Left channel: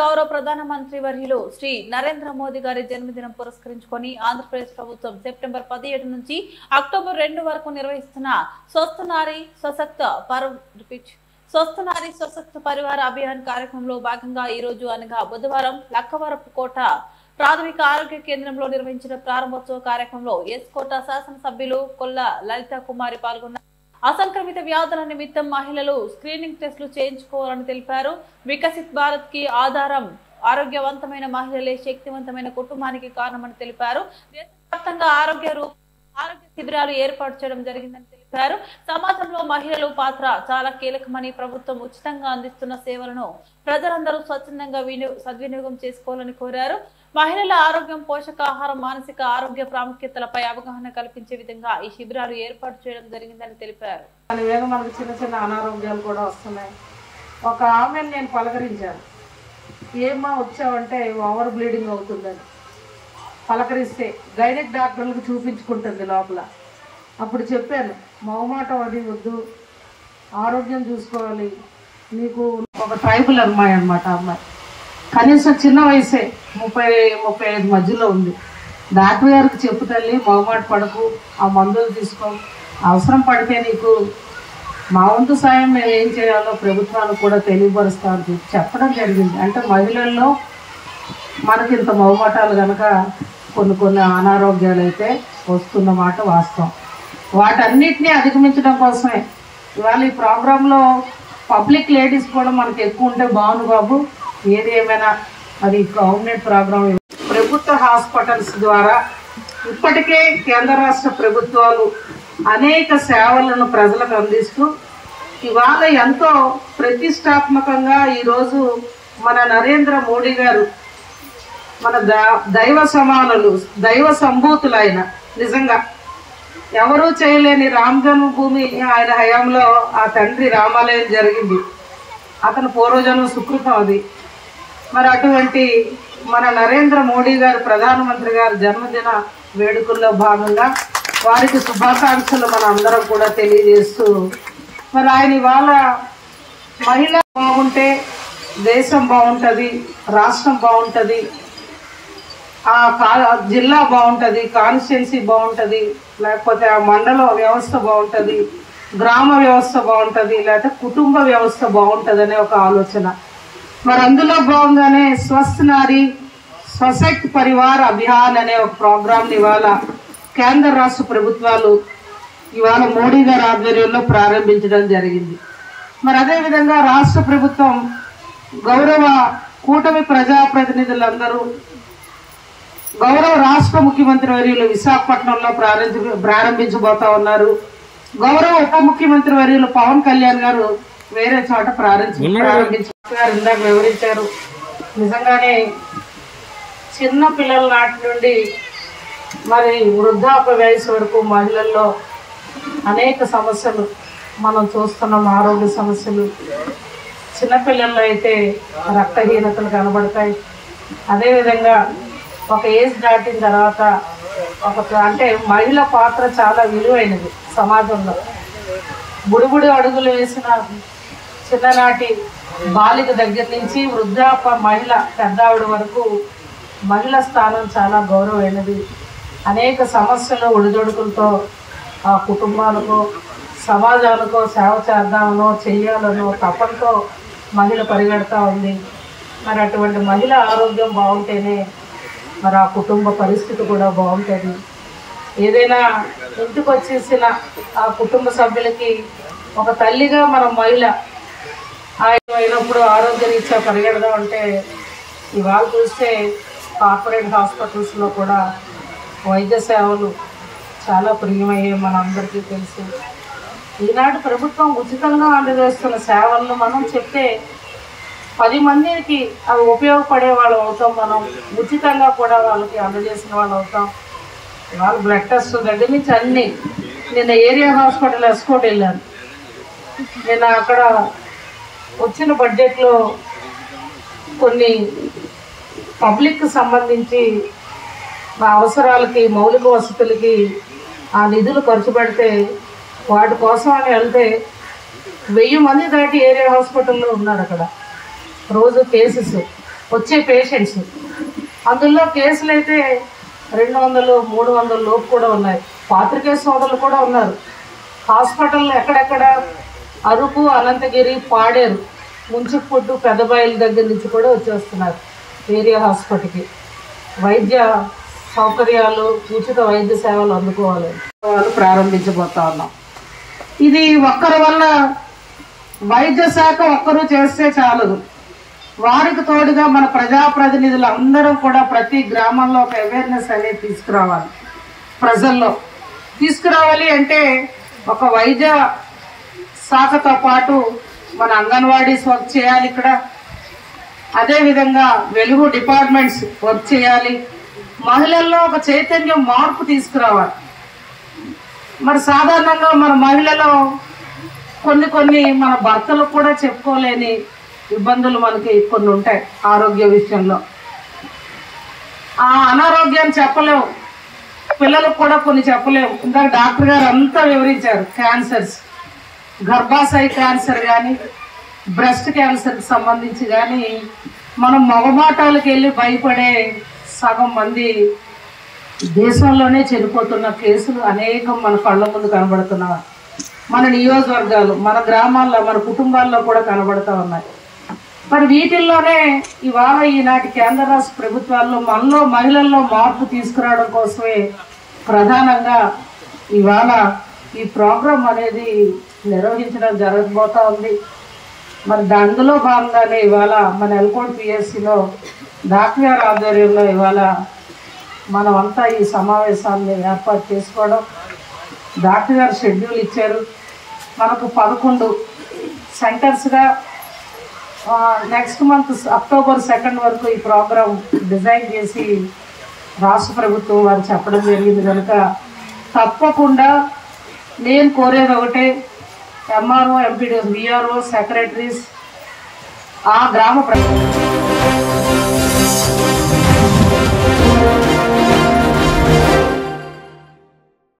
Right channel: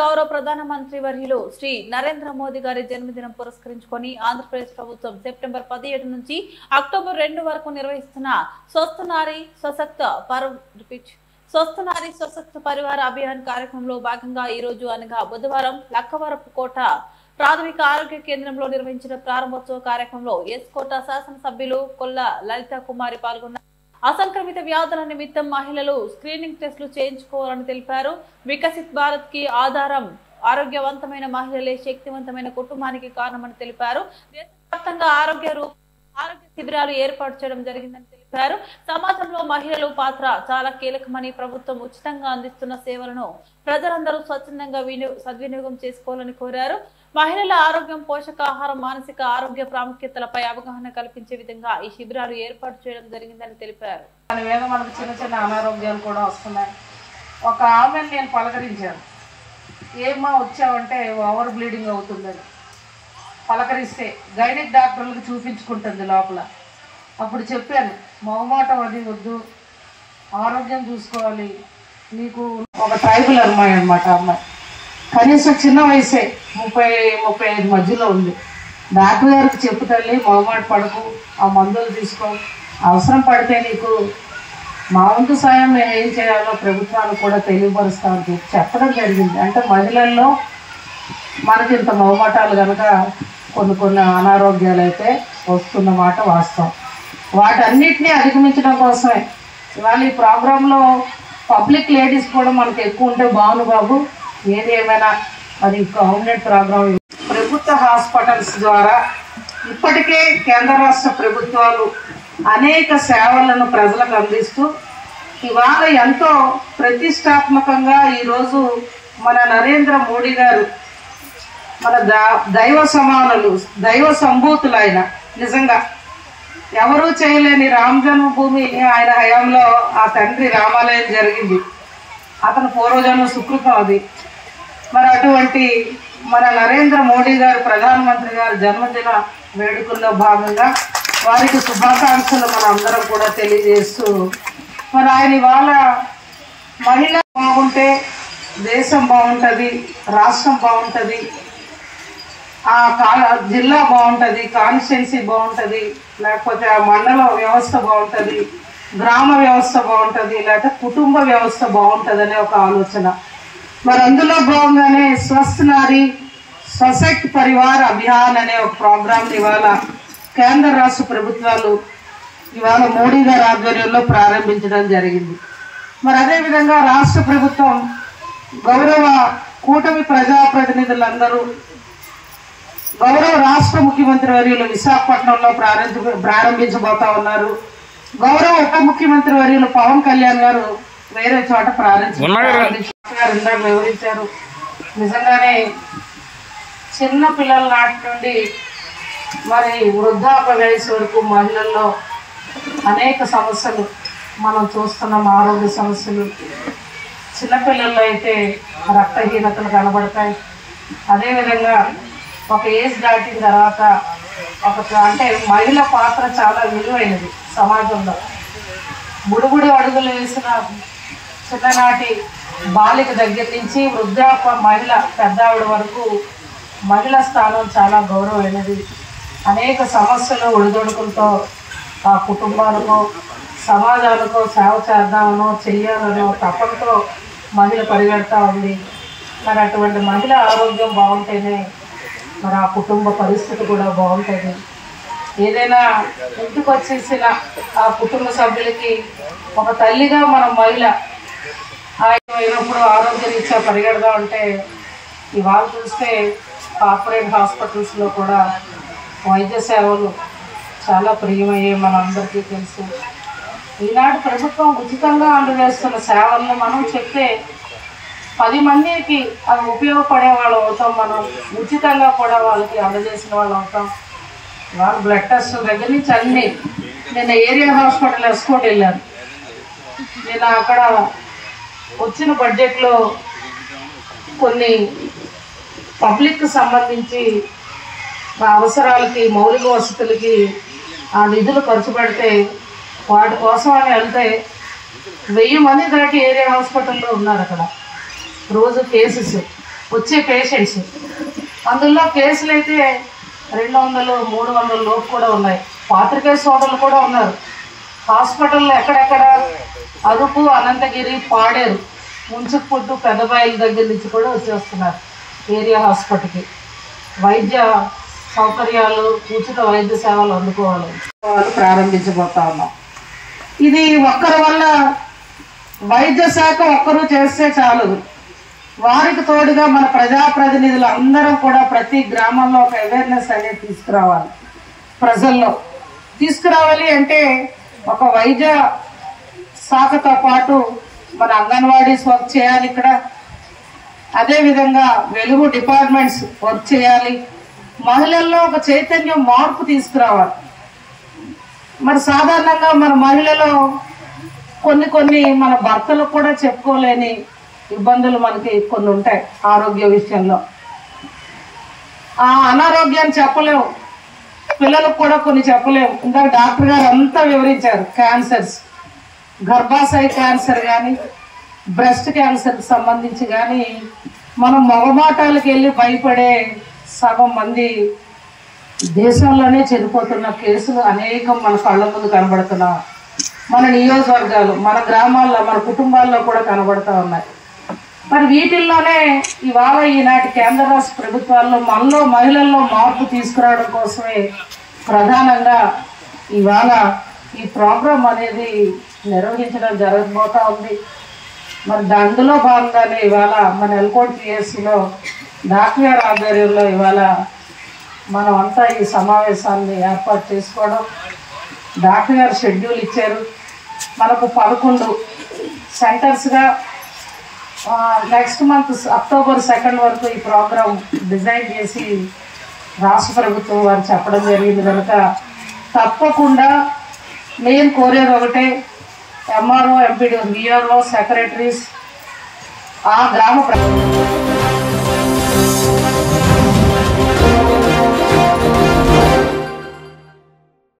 గౌరవ ప్రధానమంత్రి వర్యులు శ్రీ నరేంద్ర మోదీ గారి జన్మదినం పురస్కరించుకొని ఆంధ్రప్రదేశ్ ప్రభుత్వం సెప్టెంబర్ 17 నుంచి అక్టోబర్ 2 వరకు నిర్వహిస్తున్న స్వస్థ నారీ సశక్త పరివార అభియాన్ కార్యక్రమంలో భాగంగా ఈ రోజు అనగా బుధవారం లక్కవరపు కోట ప్రాథమిక ఆరోగ్య కేంద్రంలో నిర్వహించిన ప్రారంభోత్సవ కార్యక్రమంలో ఎస్కోట శాసనసభ్యులు కొల్ల లలిత కుమారి పాల్గొన్నారు. అసంక్రమిత వ్యాధుల నిమిత్తం మహిళలు స్క్రీనింగ్ టెస్టులు చేయించుకోవాలని తెలిపారు. వికసిత్ భారత్ కి ఆధారం ఆరోగ్యవంతమైన మహిళలే శక్తివంతమైన కుటుంబానికి కారణమని తెలిపారు. దేశవ్యాప్తంగా ఆరోగ్య శిబిరాలు ఏర్పాటు చేయడం జరిగిందని తెలిపారు. సమాజంలో మహిళల పాత్ర చాలా కీలకమని, ప్రభుత్వం ఉచితంగా అందిస్తున్న సేవలను ప్రజలందరూ స్వచ్ఛందంగా సద్వినియోగం చేసుకోవాలని కోరారు. మహిళల ఆరోగ్యం, పోషకాహారం, మానసిక ఆరోగ్య ప్రాముఖ్యతలపై అవగాహన కల్పించే విధంగా ఈ శిబిరాలు ఏర్పాటు చేయడం జరిగిందని తెలిపారు. మనకు చిన్న చిన్న అనారోగ్యాలు కూడా వస్తున్నాయి. ఒక ఆమెను నేను పలకరించాను. ఏమా వచ్చావంటే ఓవర్ బ్లీడింగ్ అవుతుందని పలకరిస్తే గైనిక్ డాక్టర్లకు చూపించుకుంటుంది లోపల. అప్పుడు చెప్పాను, మొహమాటం అది వద్దు, ఆరోగ్యం చూసుకోవాలి. నీకు ఒక ట్రైబల్ అమ్మాయి అనమాట. అమ్మాయి కనీసం చిన్న వయసే 30-35 మధ్యలో ఉంది. డాక్టర్ గారికి చెప్పు తల్లి, మొహమాట పడకు, ఆ మందులు తీసుకో, అవసరం పడితే నీకు మా వంతు సాయం ఏం చేయాలో ప్రభుత్వాలు కూడా తెలియపరుస్తామని చెప్పడం జరిగింది. అంటే మహిళల్లో మనకి ఇంత మొహమాటాలు కనుక కొన్ని అనారోగ్యాలు అయితే వస్తున్న మాట వాస్తవం. వాటన్నిటినీ అధిగమించడం కోసమే ఇవాళ ఈ ప్రోగ్రాంలో పబ్లిక్ లేడీస్ కూడా మనకు ఎక్కువ ఉంటే బాగుంది బాబు. ఏది ఏమైనా అది గవర్నమెంట్ ప్రోగ్రాం. ప్రభుత్వ హాస్పిటల్స్ ద్వారా ఇప్పటికే కేంద్ర రాష్ట్ర ప్రభుత్వాలు అనేక సేవలను ప్రజలకు అందిస్తూ ఇవాళ ఎంతో ప్రతిష్టాత్మకంగా ఈరోజు మన నరేంద్ర మోడీ గారు మన దైవ సమానులు, దైవ సంభూతులు. ఆయన నిజంగా ఎవరూ చేయలేని రామ జన్మభూమి ఆయన హయాంలో ఆ తండ్రి రామాలయం జరిగింది. అతను పూర్వజన్మ సుకృతం అది. మరి అటువంటి మన నరేంద్ర మోడీ గారు ప్రధానమంత్రి గారు జన్మదిన వేడుకల్లో భాగంగా వారికి శుభాకాంక్షలు మన అందరం కూడా తెలియజేస్తూ, మరి ఆయన ఇవాళ మహిళ బాగుంటే దేశం బాగుంటుంది, రాష్ట్రం బాగుంటుంది, ఆ జిల్లా బాగుంటుంది, కాన్స్టిట్యున్సీ బాగుంటుంది, లేకపోతే ఆ మండల వ్యవస్థ బాగుంటుంది, గ్రామ వ్యవస్థ బాగుంటుంది, లేకపోతే కుటుంబ వ్యవస్థ బాగుంటుంది అనే ఒక ఆలోచన. మరి అందులో భాగంగానే స్వస్థ నారీ సశక్త పరివార్ అభియాన్ అనే ఒక ప్రోగ్రామ్ ఇవాళ కేంద్ర రాష్ట్ర ప్రభుత్వాలు ఇవాళ మోడీ గారి ఆధ్వర్యంలో ప్రారంభించడం జరిగింది. మరి అదేవిధంగా రాష్ట్ర ప్రభుత్వం గౌరవ కూటమి ప్రజాప్రతినిధులందరూ గౌరవ రాష్ట్ర ముఖ్యమంత్రి వర్యులు విశాఖపట్నంలో ప్రారంభించబోతా ఉన్నారు. గౌరవ ఉప ముఖ్యమంత్రి వర్యులు పవన్ కళ్యాణ్ గారు వేరే చోట ప్రారంభించారు. ఇందాక వివరించారు. నిజంగానే చిన్న పిల్లల నాటి నుండి మరి వృద్ధాప్య వయసు వరకు మహిళల్లో అనేక సమస్యలు మనం చూస్తున్నాం. ఆరోగ్య సమస్యలు, చిన్నపిల్లల్లో అయితే రక్తహీనతలు కనబడతాయి. అదేవిధంగా ఒక ఏజ్ దాటిన తర్వాత అంటే మహిళ పాత్ర చాలా విలువైనది సమాజంలో. బుడుబుడు అడుగులు వేసిన చిన్ననాటి బాలిక దగ్గర నుంచి వృద్ధాప్య మహిళ పెద్దావిడ వరకు మహిళ స్థానం చాలా గౌరవమైనది. అనేక సమస్యలు ఒడిదొడుకులతో ఆ కుటుంబాలకు, సమాజాలకు సేవ చేద్దామనో చెయ్యాలనో తపంతో మహిళ పరిగెడతా ఉంది. మరి అటువంటి మహిళ ఆరోగ్యం బాగుంటేనే మరి ఆ కుటుంబ పరిస్థితి కూడా బాగుంటుంది. ఏదైనా ఇంటికి వచ్చేసిన ఆ కుటుంబ సభ్యులకి ఒక తల్లిగా మన మహిళ అయినప్పుడు ఆరోగ్యరీత్యా పరిగెడదాం అంటే ఇవాళ చూస్తే కార్పొరేట్ హాస్పిటల్స్లో కూడా వైద్య సేవలు చాలా ప్రియమయ్యే మన అందరికీ తెలుసు. ఈనాడు ప్రభుత్వం ఉచితంగా అందజేస్తున్న సేవలను మనం చెప్తే 10 మందికి అవి ఉపయోగపడే వాళ్ళం అవుతాం. మనం ఉచితంగా కూడా వాళ్ళకి అందజేసిన వాళ్ళు అవుతాం. వాళ్ళు బ్లడ్ టెస్ట్ దగ్గర నుంచి అన్నీ. నిన్న ఏరియా హాస్పిటల్ ఎస్కోట్ వెళ్ళాను. నిన్న అక్కడ వచ్చిన బడ్జెట్లో కొన్ని పబ్లిక్ సంబంధించి మా అవసరాలకి, మౌలిక వసతులకి ఆ నిధులు ఖర్చు పెడితే వాటి కోసం అని వెళ్తే 1000 మంది దాటి ఏరియా హాస్పిటల్లో ఉన్నారు. అక్కడ రోజు కేసెస్ వచ్చే పేషెంట్స్. అందులో కేసులు అయితే 200, 300 లోపు కూడా ఉన్నాయి. పాత్రికేయ సోదరులు కూడా ఉన్నారు. హాస్పిటల్లో ఎక్కడెక్కడ అరకు, అనంతగిరి, పాడేరు, ముంచుపుట్టు, పెద్దబాయిల దగ్గర నుంచి కూడా వచ్చేస్తున్నారు ఏరియా హాస్పిటల్కి. వైద్య సౌకర్యాలు, ఉచిత వైద్య సేవలు అందుకోవాలని ప్రారంభించబోతా ఉన్నాం. ఇది ఒక్కరి వల్ల వైద్య శాఖ ఒక్కరు చేస్తే చాలదు. వారికి తోడుగా మన ప్రజాప్రతినిధులు అందరం కూడా ప్రతి గ్రామంలో ఒక అవేర్నెస్ అనేది తీసుకురావాలి. ప్రజల్లో తీసుకురావాలి అంటే ఒక వైద్య శాఖతో పాటు మన అంగన్వాడీస్ వర్క్ చేయాలి ఇక్కడ. అదేవిధంగా వెలుగు డిపార్ట్మెంట్స్ వర్క్ చేయాలి. మహిళల్లో ఒక చైతన్యం, మార్పు తీసుకురావాలి. మరి సాధారణంగా మన మహిళలు కొన్ని మన భర్తలకు కూడా చెప్పుకోలేని ఇబ్బందులు మనకి కొన్ని ఉంటాయి ఆరోగ్య విషయంలో. ఆ అనారోగ్యాన్ని చెప్పలేము, పిల్లలకు కూడా కొన్ని చెప్పలేము. ఇంకా డాక్టర్ గారు అంతా వివరించారు. క్యాన్సర్స్, గర్భాశయ క్యాన్సర్ కానీ, బ్రెస్ట్ క్యాన్సర్కి సంబంధించి కానీ మనం మొగమాటాలకు వెళ్ళి భయపడే సగం మంది దేశంలోనే చనిపోతున్న కేసులు అనేకం మన కళ్ళ ముందు కనబడుతున్నారు. మన నియోజకవర్గాలు, మన గ్రామాల్లో, మన కుటుంబాల్లో కూడా కనబడుతూ ఉన్నాయి. మరి వీటిల్లోనే ఇవాళ ఈనాటి కేంద్ర రాష్ట్ర ప్రభుత్వాల్లో మనలో మహిళల్లో మార్పు తీసుకురావడం కోసమే ప్రధానంగా ఇవాళ ఈ ప్రోగ్రాం అనేది నిర్వహించడం జరగబోతా ఉంది. మరి అందులో భాగంగానే ఇవాళ మన ఎల్కోట్ పిఎస్సిలో డాక్టర్ గారి ఆధ్వర్యంలో ఇవాళ మనం అంతా ఈ సమావేశాన్ని ఏర్పాటు చేసుకోవడం. డాక్టర్ గారు షెడ్యూల్ ఇచ్చారు. మనకు 11 సెంటర్స్గా నెక్స్ట్ మంత్ అక్టోబర్ 2 వరకు ఈ ప్రోగ్రాం డిజైన్ చేసి రాష్ట్ర ప్రభుత్వం వారు చెప్పడం జరిగింది. కనుక తప్పకుండా నేను కోరేది ఒకటే, ఎంఆర్ఓ, ఎంపీడీఓ, విఆర్ఓ, సెక్రటరీస్, ఆ గ్రామ